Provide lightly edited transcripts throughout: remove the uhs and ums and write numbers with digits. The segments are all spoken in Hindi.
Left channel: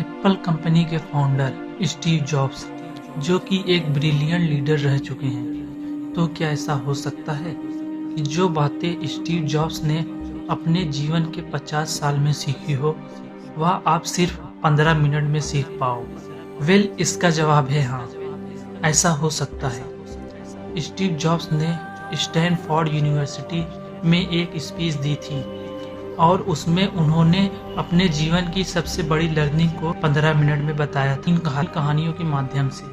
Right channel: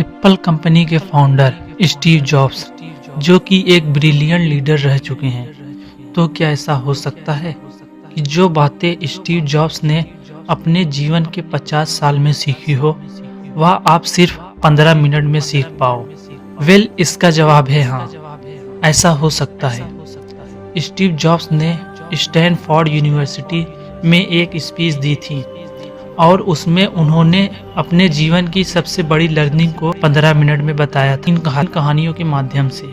एप्पल कंपनी के फाउंडर स्टीव जॉब्स, जो कि एक ब्रिलियंट लीडर रह चुके हैं, तो क्या ऐसा हो सकता है कि जो बातें स्टीव जॉब्स ने अपने जीवन के 50 साल में सीखी हो, वह आप सिर्फ 15 मिनट में सीख पाओ? इसका जवाब है हाँ, ऐसा हो सकता है। स्टीव जॉब्स ने स्टैनफोर्ड यूनिवर्सिटी में एक स्पीच दी थी और उसमें उन्होंने अपने जीवन की सबसे बड़ी लर्निंग को 15 मिनट में बताया था, इन कहानियों के माध्यम से।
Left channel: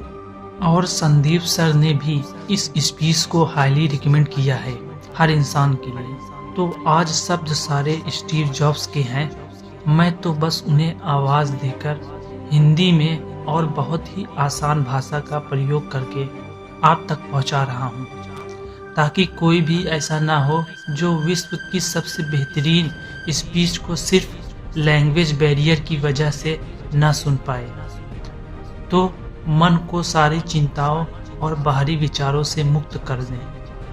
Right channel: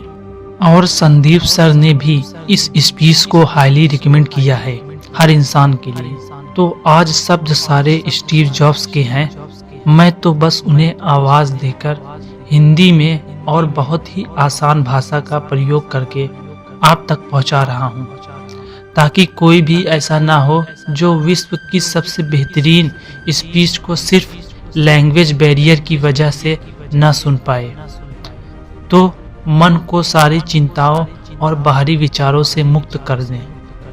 और संदीप सर ने भी इस स्पीच को हाईली रिकमेंड किया है हर इंसान के लिए। तो आज शब्द सारे स्टीव जॉब्स के हैं, मैं तो बस उन्हें आवाज़ देकर हिंदी में और बहुत ही आसान भाषा का प्रयोग करके आप तक पहुंचा रहा हूं, ताकि कोई भी ऐसा ना हो जो विश्व की सबसे बेहतरीन स्पीच को सिर्फ लैंग्वेज बैरियर की वजह से न सुन पाए। तो मन को सारी चिंताओं और बाहरी विचारों से मुक्त कर दें।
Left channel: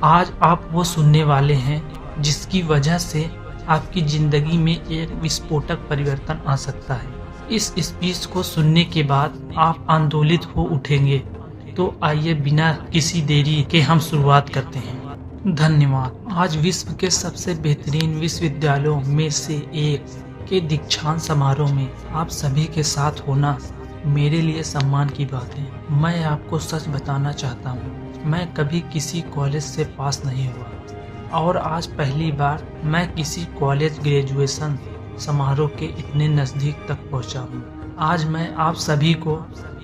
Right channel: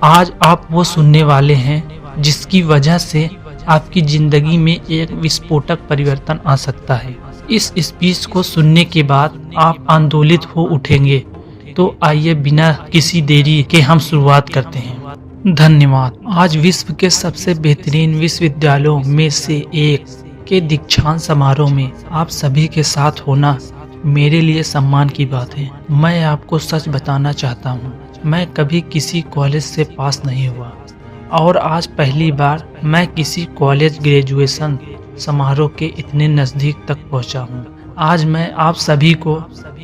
आज आप वो सुनने वाले हैं जिसकी वजह से आपकी ज़िंदगी में एक विस्फोटक परिवर्तन आ सकता है। इस स्पीच को सुनने के बाद आप आंदोलित हो उठेंगे। तो आइए बिना किसी देरी के हम शुरुआत करते हैं। धन्यवाद। आज विश्व के सबसे बेहतरीन विश्वविद्यालयों में से एक के दीक्षांत समारोह में आप सभी के साथ होना मेरे लिए सम्मान की बात है। मैं आपको सच बताना चाहता हूँ, मैं कभी किसी कॉलेज से पास नहीं हुआ और आज पहली बार मैं किसी कॉलेज ग्रेजुएशन समारोह के इतने नज़दीक तक पहुँचा हूँ। आज मैं आप सभी को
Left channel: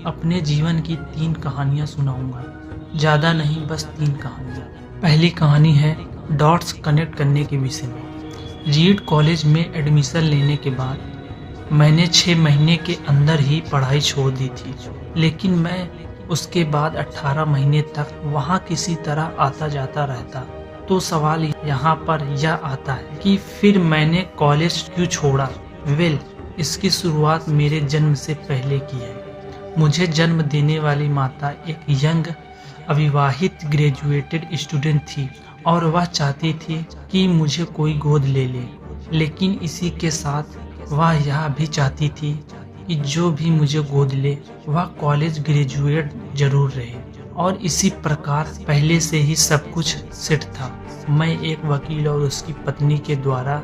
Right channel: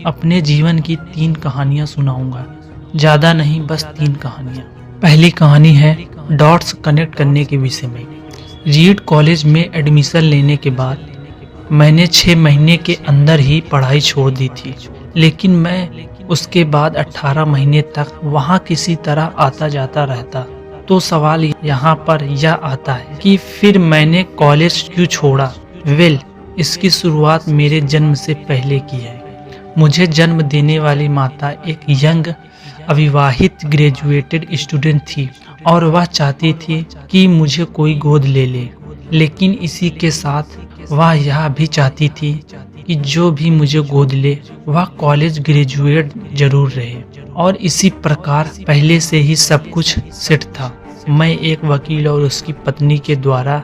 अपने जीवन की 3 कहानियाँ सुनाऊंगा, ज़्यादा नहीं, बस 3 कहानियाँ। पहली कहानी है डॉट्स कनेक्ट करने के विषय में। रीड कॉलेज में एडमिशन लेने के बाद मैंने 6 महीने के अंदर ही पढ़ाई छोड़ दी थी, लेकिन मैं उसके बाद 18 महीने तक वहाँ किसी तरह आता जाता रहता। तो सवाल यहाँ पर यह आता है कि फिर मैंने कॉलेज क्यों छोड़ा? इसकी शुरुआत मेरे जन्म से पहले की है। मुझे जन्म देने वाली माता एक यंग अविवाहित ग्रेजुएटेड स्टूडेंट थी और वह चाहती थी कि मुझे कोई गोद ले ले, लेकिन इसी के साथ वह यह भी चाहती थी कि जो भी मुझे गोद ले वह कॉलेज ग्रेजुएट जरूर रहे। और इसी प्रकार पहले से ही सब कुछ सेट था। मैं एक वकील और उसकी पत्नी के द्वारा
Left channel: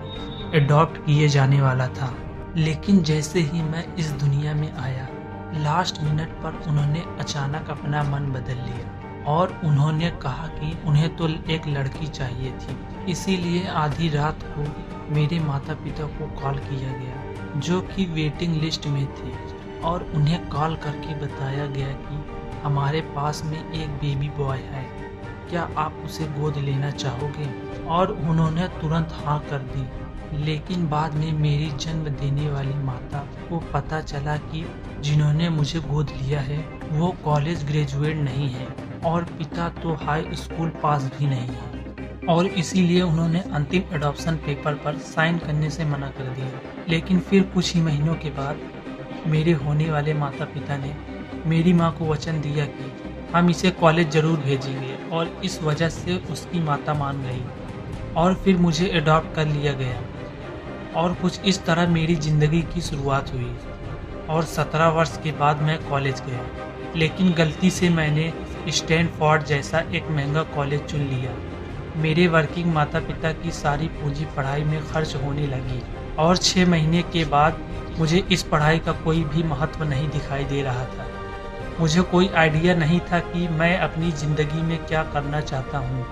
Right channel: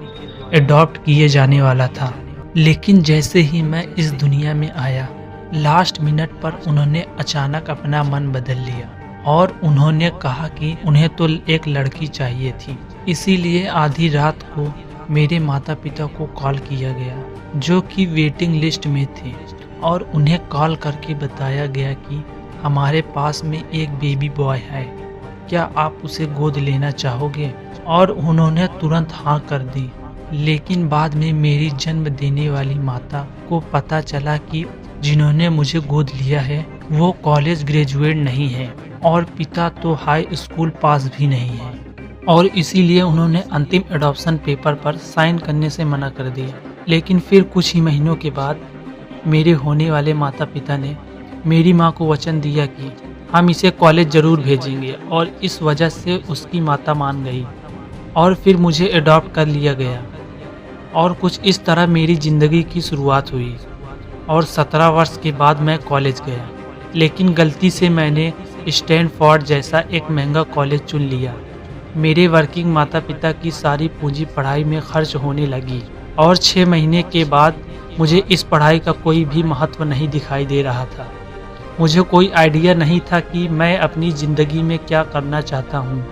एडॉप्ट किए जाने वाला था, लेकिन जैसे ही मैं इस दुनिया में आया, लास्ट मिनट पर उन्होंने अचानक अपना मन बदल लिया और उन्होंने कहा कि उन्हें तो एक लड़की चाहिए थी। इसीलिए आधी रात को मेरे माता पिता को कॉल किया गया, जो कि वेटिंग लिस्ट में थे, और उन्हें कॉल करके बताया गया कि हमारे पास में एक बेबी बॉय है, क्या आप उसे गोद लेना चाहोगे? और उन्होंने तुरंत हाँ कर दी। लेकिन बाद में मेरी जन्म देने वाली माता को पता चला कि जिन्होंने मुझे गोद लिया है वो कॉलेज ग्रेजुएट नहीं है और पिता तो हाई स्कूल पास भी नहीं है, और इसीलिए उन्होंने अंतिम एडॉप्शन पेपर पर साइन करने से मना कर दिया। लेकिन फिर कुछ ही महीनों के बाद मेरे होने वाले माता पिता ने मेरी माँ को वचन दिया कि हम इसे कॉलेज ज़रूर भेजेंगे, और इस वजह से उसकी माता मान गई और फिर मुझे एडॉप्ट कर लिया गया। और कुछ इस तरह मेरी ज़िंदगी की शुरुआत हुई और 17 वर्ष के बाद मैं कॉलेज गया। लेकिन गलती से मैंने स्टैनफोर्ड जैसा एक महंगा कॉलेज चुन लिया। मेरे वर्किंग माता पिता की सारी पूंजी पढ़ाई में खर्च होने लगी और 6 महीने के बाद मुझे इस पढ़ाई का कोई भी महत्व नहीं दिखाई दे रहा था। मुझे कोई आइडिया नहीं था कि मैं अपनी ज़िंदगी में क्या करना चाहता हूँ।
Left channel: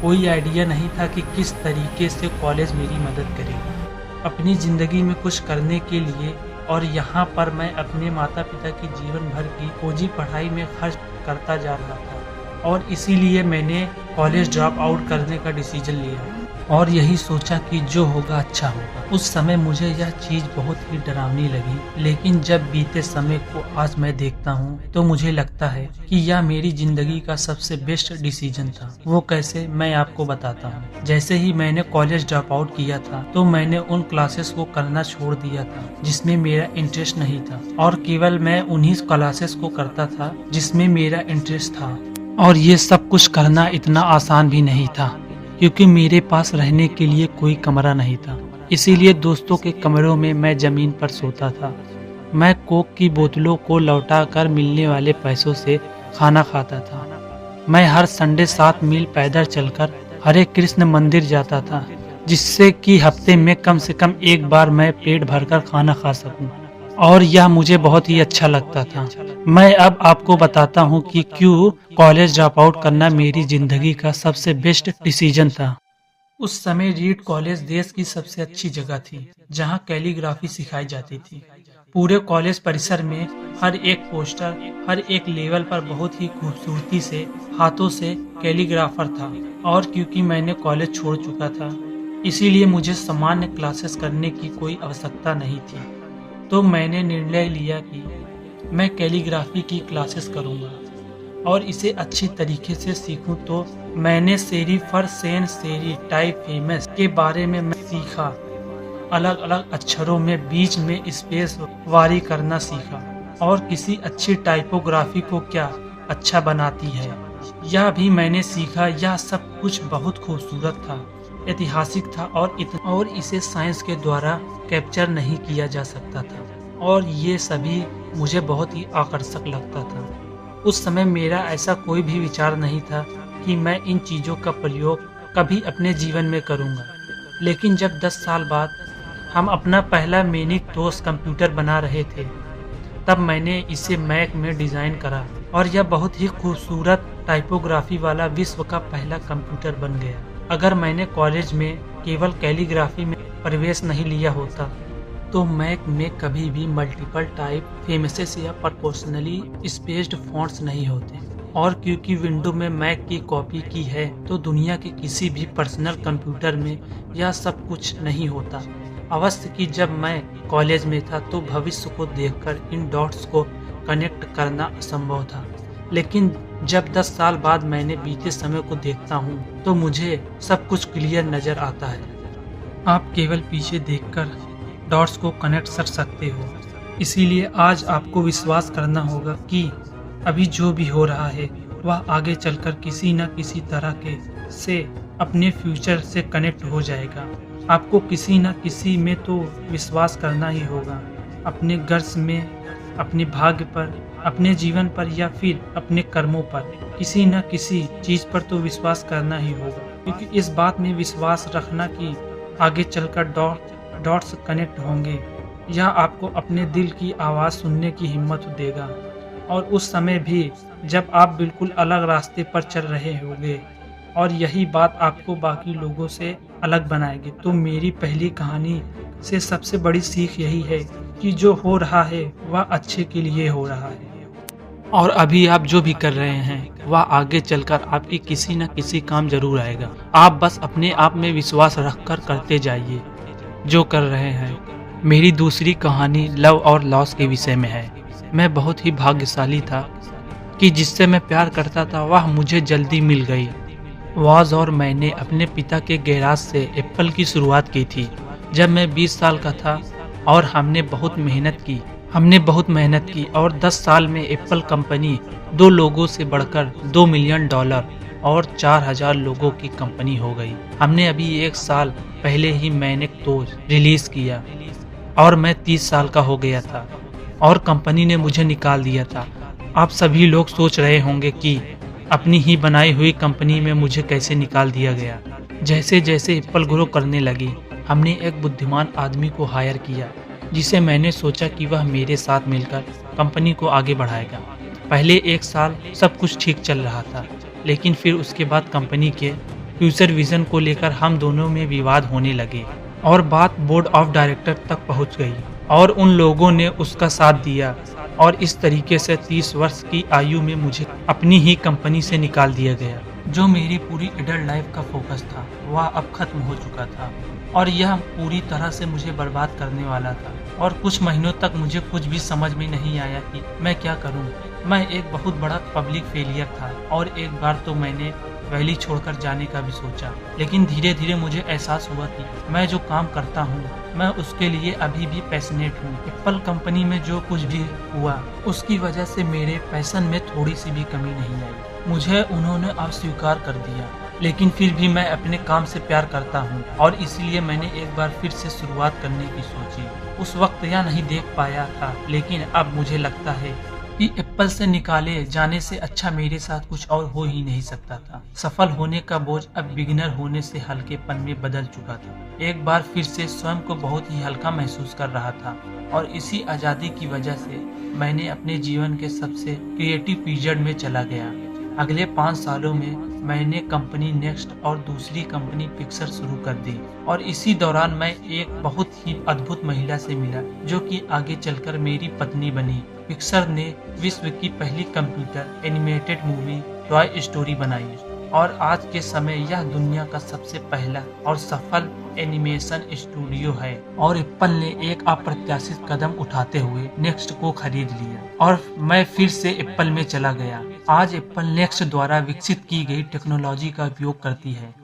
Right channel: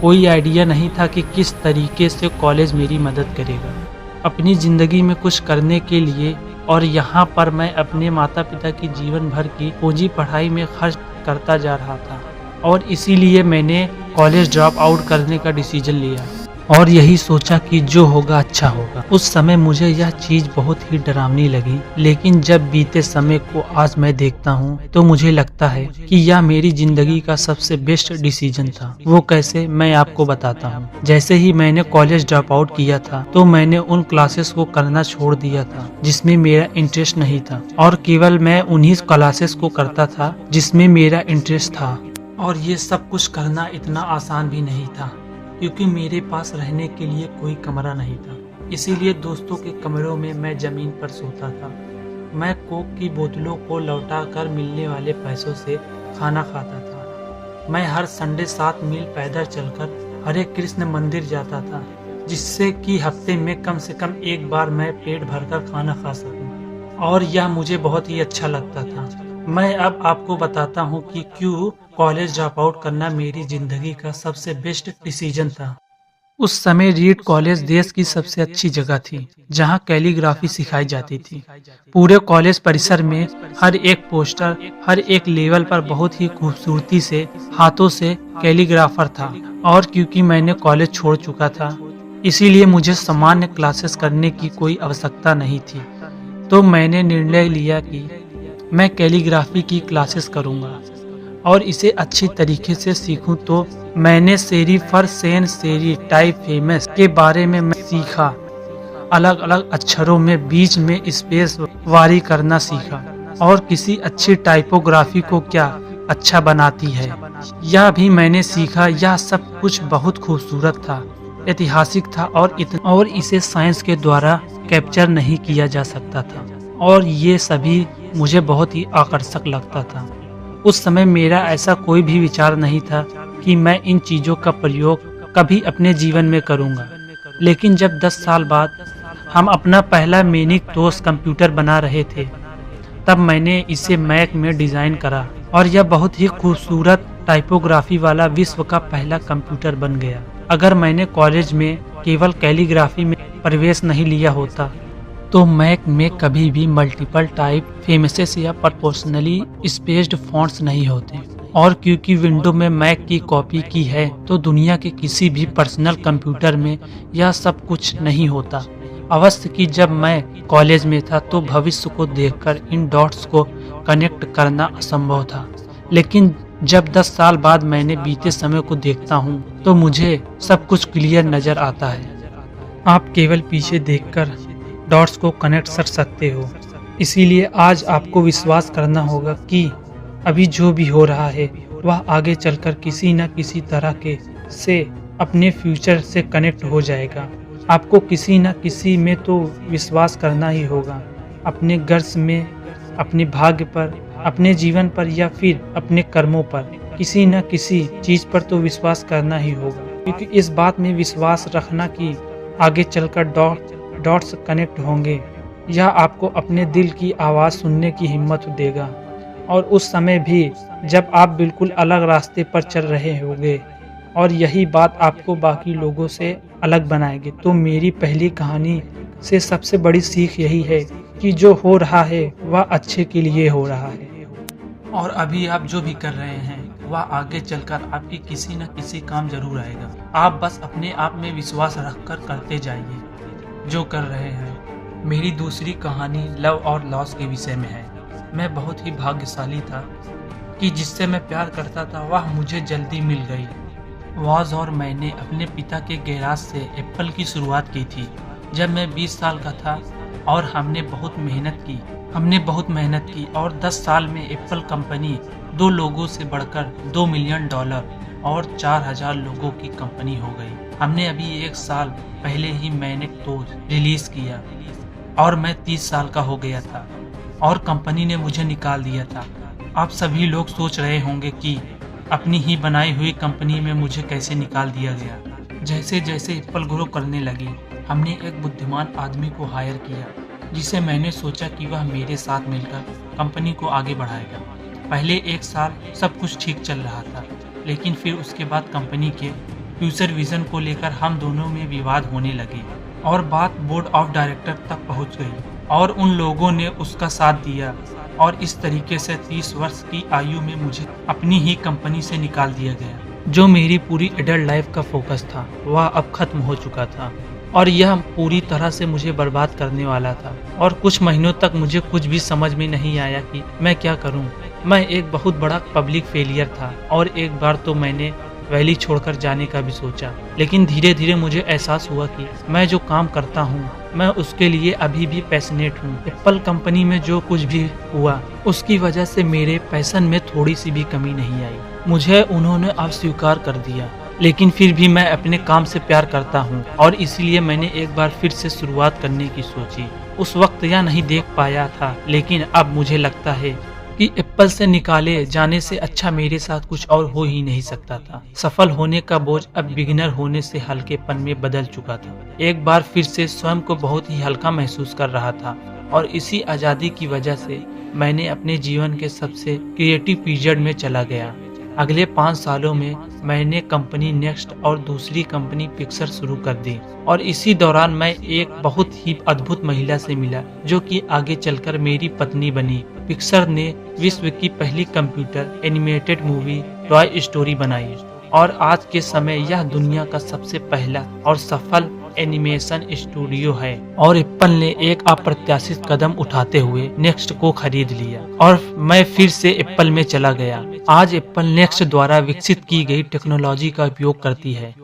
कोई आइडिया नहीं था कि किस तरीके से कॉलेज मेरी मदद करेगा अपनी ज़िंदगी में कुछ करने के लिए। और यहाँ पर मैं अपने माता पिता की जीवन भर की पूंजी पढ़ाई में खर्च करता जा रहा था, और इसीलिए मैंने कॉलेज ड्रॉप आउट करने का डिसीजन लिया और यही सोचा कि जो होगा अच्छा होगा। उस समय मुझे यह चीज़ बहुत ही डरावनी लगी, लेकिन जब बीते समय को आज मैं देखता हूँ तो मुझे लगता है कि यह मेरी जिंदगी का सबसे बेस्ट डिसीजन था। वो कैसे, मैं आपको बताता हूँ। जैसे ही मैंने कॉलेज ड्रॉप आउट किया था तो मैंने उन क्लासेस को करना छोड़ दिया था जिसमें मेरा इंटरेस्ट नहीं था, और केवल मैं उन्हीं क्लासेस को करता था जिसमें मेरा इंटरेस्ट था। और ये सब कुछ करना इतना आसान भी नहीं था, क्योंकि मेरे पास रहने के लिए कोई कमरा नहीं था। इसीलिए दोस्तों के कमरों में मैं ज़मीन पर सोता था मैं कोक की बोतलों को लौटाकर मिलने वाले पैसों से खाना खाता था। मैं हर संडे 7 मील पैदल चलकर हरे कृष्ण मंदिर जाता था, जिससे कि हफ्ते में कम से कम एक बार मैं पेट भरकर खाना खा सकूं, और यह मुझे बहुत ही अच्छा लगता था। मैं अब आपको बताता हूं कि क्यों कॉलेज ड्रॉप आउट करना मेरी जिंदगी का सबसे बेस्ट डिसीजन था। उस समय रीड कॉलेज देश की सबसे अच्छी जगह थी, जहां कैलीग्राफी सिखाई जाती थी। पूरे कॉलेज परिसर में हर एक पोस्टर, हर एक लेवल पर बहुत ही खूबसूरती से हाथों से कैलीग्राफर था। और क्योंकि मैंने कॉलेज छोड़ चुका था, इसीलिए मुझे सामान्य क्लासेस करने की कोई आवश्यकता नहीं थी। तो मैंने निर्णय लिया कि मैं कैलीग्राफी की क्लासेस करूंगा और इसे अच्छी तरीके से सीखूं। तो मैंने सेरीफर सेन सेरी टाइप फेमस के बारे में मैं सीखा। अलग अलग अक्षरों में बीच में स्पेस वारी करना सीखा, और किसी अच्छी टाइपोग्राफी को क्या अच्छा बनाती है यह भी मैंने सीखा। यह सब कुछ बहुत खूबसूरत था, ऐतिहासिक था, और इसे साइंस के द्वारा कैप्चर नहीं किया जा सकता था, और ये सभी मुझे बहुत ही आकर्षक लगता था। उस समय मेरा ऐसा कोई भी विचार नहीं था कि मैं इन चीज़ों का प्रयोग कभी अपने जीवन में करूंगा। लेकिन जब 10 साल बाद हम अपना पहला मैकिंतोश कंप्यूटर बना रहे थे, तब मैंने इसे मैक में डिज़ाइन करा, और यह बहुत ही खूबसूरत टाइपोग्राफी वाला विश्व का पहला कंप्यूटर बन गया। अगर मैंने कॉलेज में केवल कैलीग्राफी में प्रवेश नहीं लिया होता, तो मैक में कभी भी मल्टीपल टाइप फेमसेस या प्रोपोर्शनली स्पेस्ड फॉन्ट्स नहीं होते। और क्योंकि विंडो में मैक की कॉपी की है, तो दुनिया के किसी भी पर्सनल कंप्यूटर में यह सब कुछ नहीं होता। अवश्य कि जब मैं कॉलेज में था, तो भविष्य को देखकर इन डॉट्स को कनेक्ट करना असंभव था। लेकिन जब 10 साल बाद मैंने बीते समय को देखता हूँ, तो मुझे सब कुछ क्लियर नज़र आता है। आप केवल पीछे देखकर डॉट्स को कनेक्ट कर सकते हो। इसीलिए आज आपको विश्वास करना होगा कि अभी जो भी हो रहा है, वह आगे चलकर किसी न किसी तरह के से अपने फ्यूचर से कनेक्ट हो जाएगा। आपको किसी न किसी में तो विश्वास करना ही होगा, अपने गर्ज में, अपने भाग्य पर, अपने जीवन पर, या फिर अपने कर्मों पर। किसी न किसी चीज़ पर तो विश्वास करना ही होगा, क्योंकि इस बात में विश्वास रखना कि आगे चलकर डॉट्स कनेक्ट होंगे, यह आपको अपने दिल की आवाज़ सुनने की हिम्मत देगा। और उस समय भी जब आप बिल्कुल अलग रास्ते पर चल रहे होंगे, और यही बात आपको बाकी लोगों से अलग बनाएगी। तो मेरी पहली कहानी से सबसे बड़ी सीख यही है कि जो हो रहा है वह अच्छे के लिए हो रहा है, और अभी आप जो भी कर रहे हैं वह आगे चलकर आपकी किसी न किसी काम जरूर आएगा। आप बस अपने आप में विश्वास रखकर करते जाइए जो कर रहे हैं। मेरी दूसरी कहानी लव और लॉस के विषय में है। मैं बहुत ही भाग्यशाली था कि जिससे मैं प्यार करता था वह मुझे जल्दी मिल गई। वाज और मैंने अपने पिता के गैराज से एप्पल की शुरुआत की थी जब मैं 20 साल का था, और हमने बहुत मेहनत की और 10 साल में एप्पल कंपनी 2 लोगों से बढ़कर $2 मिलियन और 4000 लोगों की कंपनी हो गई। हमने अभी 1 साल पहले ही मैकिंतोश रिलीज किया, और मैं 30 साल का हो गया था, और कंपनी ने मुझे निकाल दिया था। आप सभी लोग सोच रहे होंगे कि अपनी ही बनाई हुई कंपनी में मुझे कैसे निकाल दिया गया। जैसे जैसे एप्पल ग्रो करने लगी, हमने एक बुद्धिमान आदमी को हायर किया, जिसे मैंने सोचा कि वह मेरे साथ मिलकर कंपनी को आगे बढ़ाएगा। पहले 1 साल सब कुछ ठीक चल रहा था, लेकिन फिर उसके बाद कंपनी के फ्यूचर विजन को लेकर हम दोनों में विवाद होने लगे, और बात बोर्ड ऑफ डायरेक्टर तक पहुंच गई, और उन लोगों ने उसका साथ दिया, और इस तरीके से 30 वर्ष की आयु में मुझे अपनी ही कंपनी से निकाल दिया गया। जो मेरी पूरी एडल्ट लाइफ का फोकस था वह अब खत्म हो चुका था, और यह पूरी तरह से मुझे बर्बाद करने वाला था। और कुछ महीनों तक मुझे कुछ भी समझ में नहीं आया कि मैं क्या करूं। मैं एक बहुत बड़ा पब्लिक फेलियर था, और एक बार तो मैंने वैली छोड़कर जाने का भी सोचा। लेकिन धीरे धीरे मुझे एहसास हुआ कि मैं जो काम करता हूँ मैं उसके लिए अभी भी पैशनेट हूँ। एप्पल कंपनी में जो कुछ भी हुआ उसकी वजह से मेरे पैशन में थोड़ी सी भी कमी नहीं आई। मुझे उन्होंने अस्वीकार कर दिया, लेकिन फिर भी मैं अपने काम से प्यार करता हूँ, और इसीलिए मैंने एक बार फिर से शुरुआत करने की सोची। उस वक्त यह नहीं देख पाया था, लेकिन अब मुझे लगता है कि एप्पल से निकाले जाने से अच्छा मेरे साथ कुछ और हो ही नहीं सकता था। सफल होने का बोझ अब बिगिनर होने से हल्केपन में बदल चुका था। एक बार फिर से स्वयं को बहुत ही हल्का महसूस कर रहा था और इसी आज़ादी की वजह से मैंने अपने जीवन के सबसे क्रिएटिव पीरियड में चला गया। अगले 5 सालों में मैंने कंपनी नेक्स्ट और दूसरी कंपनी पिक्सर शुरू कर दी और इसी दौरान मैं एक बहुत ही अद्भुत महिला से मिला जो कि आगे चलकर मेरी पत्नी बनी। पिक्सर ने विश्व की पहली computer animated movie toy story बनाई और आज के समय यह दुनिया का सबसे पहला और सफल एनिमेशन स्टूडियो है। और एप्पल ने एक अप्रत्याशित कदम उठाते हुए नेक्स्ट को खरीद लिया और मैं फिर से एप्पल में चला गया। आज एप्पल नेक्स्ट द्वारा विकसित की गई टेक्नोलॉजी का उपयोग करती है।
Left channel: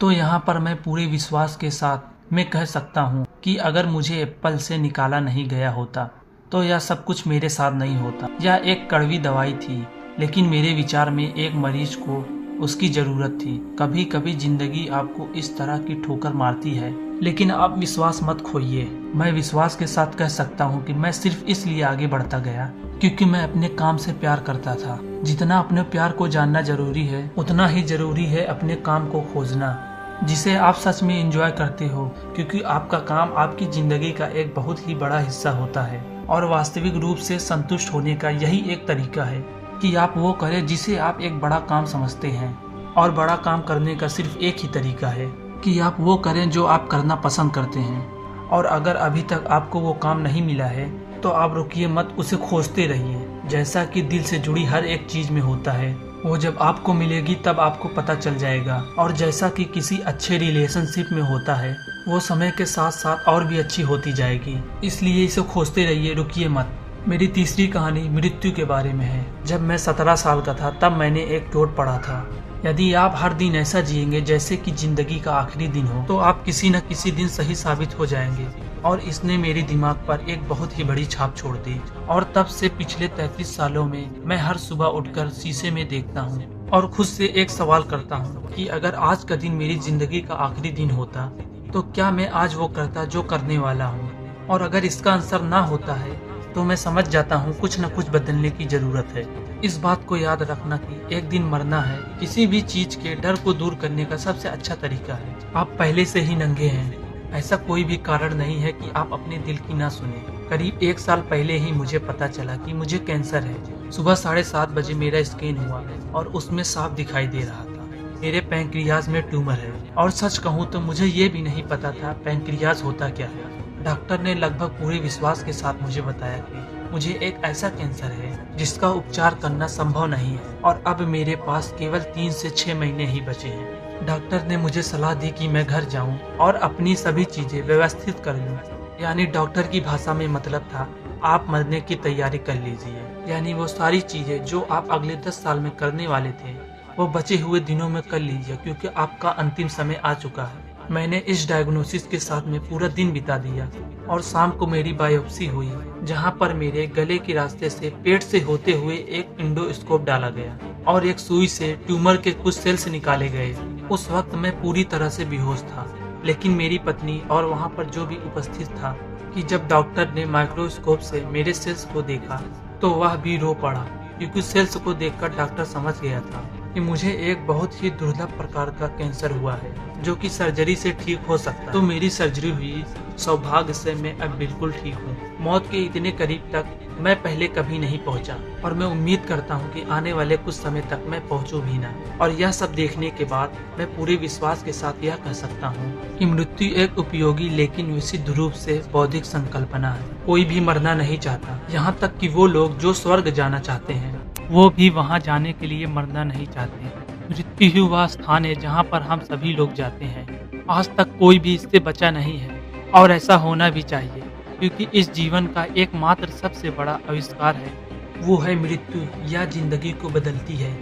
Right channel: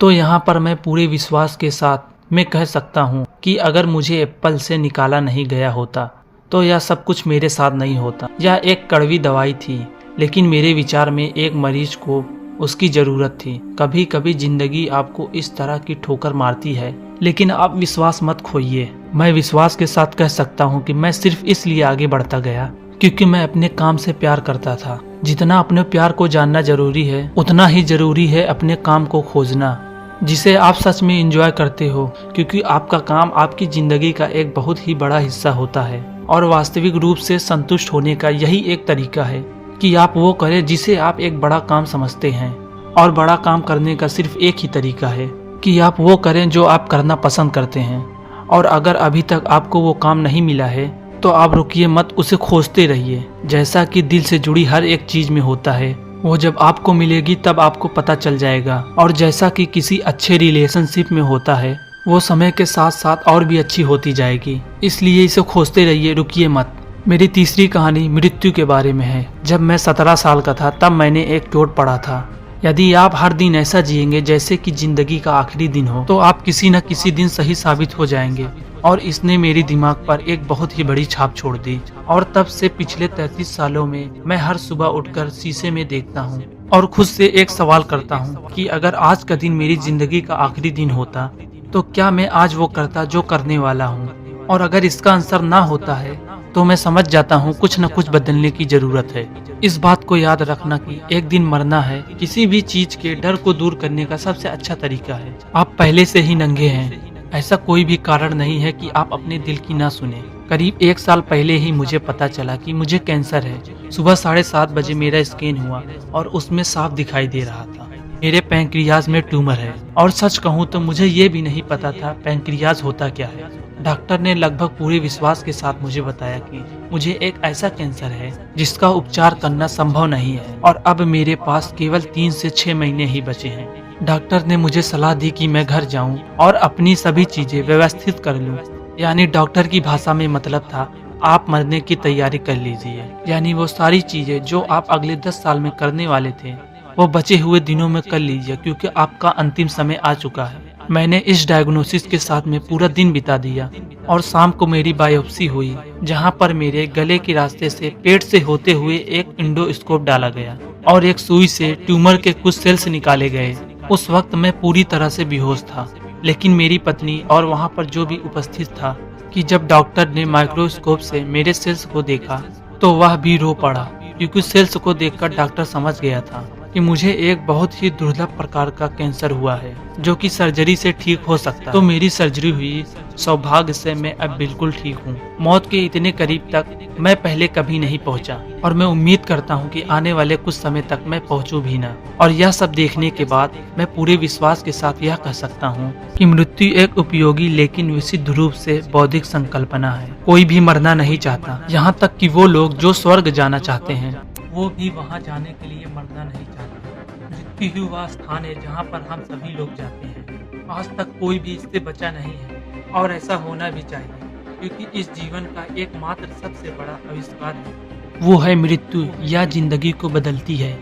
तो यहाँ पर मैं पूरे विश्वास के साथ मैं कह सकता हूँ कि अगर मुझे एप्पल से निकाला नहीं गया होता तो यह सब कुछ मेरे साथ नहीं होता। यह एक कड़वी दवाई थी, लेकिन मेरे विचार में एक मरीज को उसकी जरूरत थी। कभी कभी जिंदगी आपको इस तरह की ठोकर मारती है, लेकिन आप विश्वास मत खोइए। मैं विश्वास के साथ कह सकता हूँ कि मैं सिर्फ इसलिए आगे बढ़ता गया क्योंकि मैं अपने काम से प्यार करता था। जितना अपने प्यार को जानना जरूरी है, उतना ही जरूरी है अपने काम को खोजना जिसे आप सच में एंजॉय करते हो, क्योंकि आपका काम आपकी जिंदगी का एक बहुत ही बड़ा हिस्सा होता है। और वास्तविक रूप से संतुष्ट होने का यही एक तरीका है कि आप वो करें जिसे आप एक बड़ा काम समझते हैं। और बड़ा काम करने का सिर्फ एक ही तरीका है कि आप वो करें जो आप करना पसंद करते हैं। और अगर अभी तक आपको वो काम नहीं मिला है तो आप रुकिए मत, उसे खोजते रहिए। जैसा कि दिल से जुड़ी हर एक चीज में होता है, वो जब आपको मिलेगी तब आपको पता चल जाएगा। और जैसा कि किसी अच्छे रिलेशनशिप में होता है, वो समय के साथ साथ और भी अच्छी होती जाएगी। इसलिए इसे खोजते रहिए, रुकिए मत। मेरी तीसरी कहानी मृत्यु के बारे में है। जब मैं 17 साल का था तब मैंने एक चोट पड़ा था। यदि आप हर दिन ऐसा जिएंगे जैसे कि जिंदगी का आखिरी दिन हो, तो आप किसी न किसी दिन सही साबित हो जाएंगे। और इसने मेरे दिमाग पर एक बहुत ही बड़ी छाप छोड़ दी। और तब से पिछले 33 सालों में मैं हर सुबह उठकर शीशे में देखता हूँ और खुद से एक सवाल करता हूँ कि अगर आज का दिन मेरी जिंदगी का आखिरी दिन होता तो क्या मैं आज वो करता जो करने वाला हूँ। और अगर इसका आंसर ना होता है तो मैं समझ जाता हूँ कुछ न कुछ बदलने की जरूरत है। इस बात को याद रखना कि एक दिन मरना है किसी भी चीज के डर को दूर करने का सबसे अच्छा तरीका है। आप पहले से ही नंगे हैं, ऐसा कोई भी कारण नहीं है कि आप अपने दिल की ना सुने। करीब 1 साल पहले ही मुझे पता चला कि मुझे कैंसर है। सुबह 7:30 बजे मेरा स्कैन हुआ और उसमें साफ दिखाई दे रहा था मेरे पैंक्रियाज में ट्यूमर है। और सच कहूँ तो मुझे ये भी नहीं पता था पैंक्रियाज होता क्या है। डॉक्टर ने लगभग पूरे विश्वास के साथ मुझे बताया कि मुझे एक ऐसा कैंसर है जिसका उपचार करना संभव नहीं है और अब मेरे पास केवल 3 से 6 महीने ही बचे हैं। डॉक्टर ने मुझे सलाह दी कि मैं घर जाऊं और अपनी सभी चीजें व्यवस्थित कर लूं। यानी डॉक्टर की भाषा में मतलब था, आप मरने की तैयारी कर लीजिए। यानी वो सारी चीजें जो आप अगले 10 साल में करने वाले थे वो बचे हुए दिनों में कर लीजिए, क्योंकि आपका अंतिम समय आ चुका है। मैंने इस डायग्नोसिस के साथ में पूरा दिन बिता दिया और शाम को मेरी बायोप्सी हुई, जहां पर मेरे गले के रास्ते से पेट से होते हुए एक इंडोस्कोप डाला गया और एक सुई से ट्यूमर के कुछ सेल्स निकाले गए। उस वक्त मैं पूरी तरह से बेहोश था, लेकिन मेरी पत्नी और वहां पर जो भी उपस्थित था कि जब डॉक्टर ने माइक्रोस्कोप से मेरे सेल्स को देखा तो वह भी रो पड़ा, क्योंकि सेल्स को देखकर डॉक्टर समझ गया था कि मुझे एक बहुत ही दुर्लभ प्रकार का कैंसर हुआ है जो कि सर्जरी से ठीक हो सकता है। तो मेरी सर्जरी हुई, सौभाग्य से मैं अब बिल्कुल ठीक हूँ। मौत के इतने करीब तक मैं पहले कभी नहीं पहुँचा और मैं उम्मीद करता हूँ कि आने वाले कुछ समय तक मैं पहुँचूं भी ना। और यह सब देखने के बाद मैं पूरे विश्वास के साथ यह कह सकता हूँ कि मृत्यु एक उपयोगी लेकिन विशुद्ध रूप से बौद्धिक संकल्पना है। कोई भी मरना नहीं चाहता, यहाँ तक कि वो लोग जो स्वर्ग जाना चाहते हैं वो भी वहां जाने के लिए मरना नहीं चाहते। मृत्यु ही वह स्थान है जहां पर हम सभी लोग जाते हैं। आज तक कोई भी इससे बचा नहीं है और ऐसा होना भी चाहिए, क्योंकि इस जीवन का एकमात्र सबसे बड़ा आविष्कार है वो है मृत्यु। यह जिंदगी को बदलती है,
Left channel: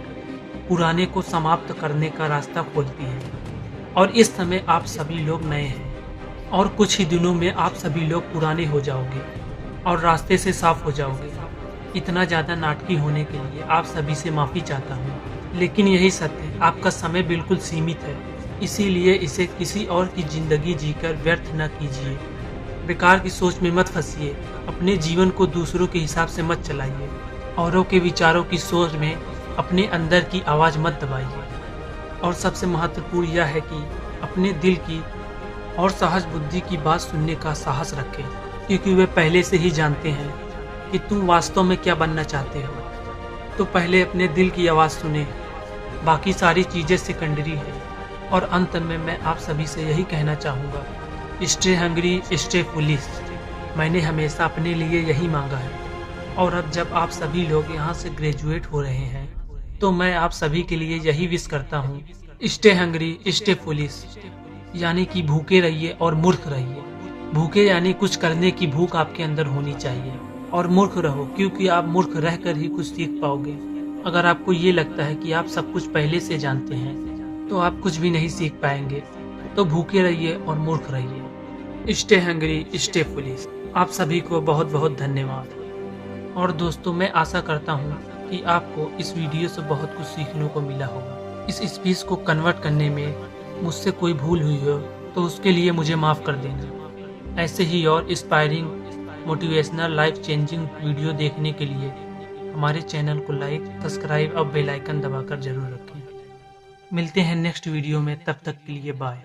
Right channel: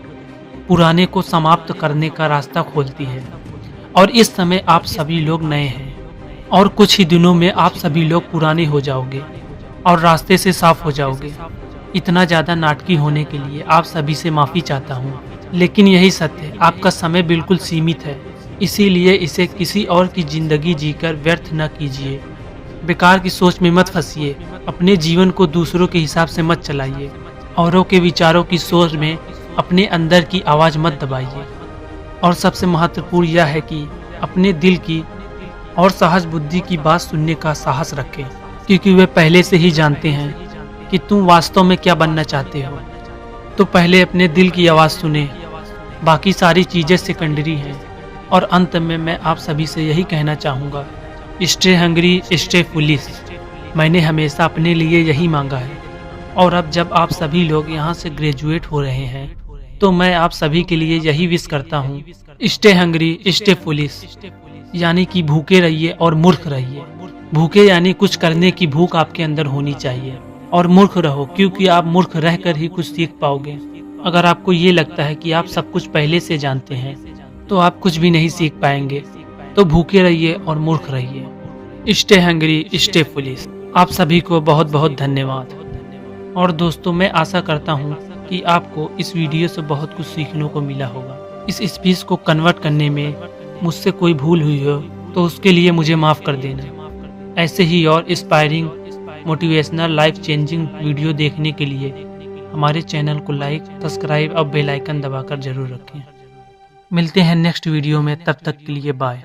पुराने को समाप्त करने का रास्ता खोलती है। और इस समय आप सभी लोग नए हैं और कुछ ही दिनों में आप सभी लोग पुराने हो जाओगे और रास्ते से साफ हो जाओगे। इतना ज़्यादा नाटकी होने के लिए आप सभी से माफ़ी चाहता हूँ, लेकिन यही सत्य है, आपका समय बिल्कुल सीमित है। इसीलिए इसे किसी और की ज़िंदगी जीकर व्यर्थ न कीजिए। बेकार की सोच में मत फंसिए, अपने जीवन को दूसरों के हिसाब से मत चलाइए, औरों के विचारों की सोच में अपने अंदर की आवाज़ मत दबाइए। और सबसे महत्वपूर्ण यह है कि अपने दिल की और सहज बुद्धि की बात सुनने का साहस रखें, क्योंकि वे पहले से ही जानते हैं कि तुम वास्तव में क्या बनना चाहते हो। तो पहले अपने दिल की आवाज़ सुने, बाकी सारी चीज़ें सेकेंडरी हैं। और अंत में मैं आप सभी से यही कहना चाहूँगा, स्टे हंग्री, स्टे फुलिश। मैंने हमेशा अपने लिए यही मांगा है। और अब जब आप सभी लोग यहाँ से ग्रेजुएट हो रहे हैं, तो मैं आप सभी के लिए यही विश करता हूँ, स्टे हंग्री, स्टे फुलिश। यानी कि भूखे रहिए और मूर्ख रहिए। भूखे यानी कुछ करने की भूख आपके अंदर होनी चाहिए, और मूर्ख रहो क्योंकि आप मूर्ख रहकर ही कुछ सीख पाओगे। अगर आपको ये लगता है कि आप सब कुछ पहले से जानते हैं, तो आप कुछ भी नहीं सीख पाएंगे। तो भूखे रहिए और मूर्ख रहिए। Stay hungry, stay foolish. आप सभी को बहुत बहुत धन्यवाद। और दोस्तों, मैं आशा करता हूँ कि आपको इस वीडियो से बहुत कुछ सीखने को मिला होगा। इस स्पीच को कन्वर्ट करने में मुझसे कोई भूल हुई हो तो उसके लिए मुझे माफ़ कर देना। ऐसे ही और inspiring, motivational, life changing video देखने के लिए हमारे चैनल को लाइक, सब्सक्राइब और बेल आइकन दबाकर जरूर रखें। मिलते हैं नेक्स्ट वीडियो में, तब तक के लिए बाय।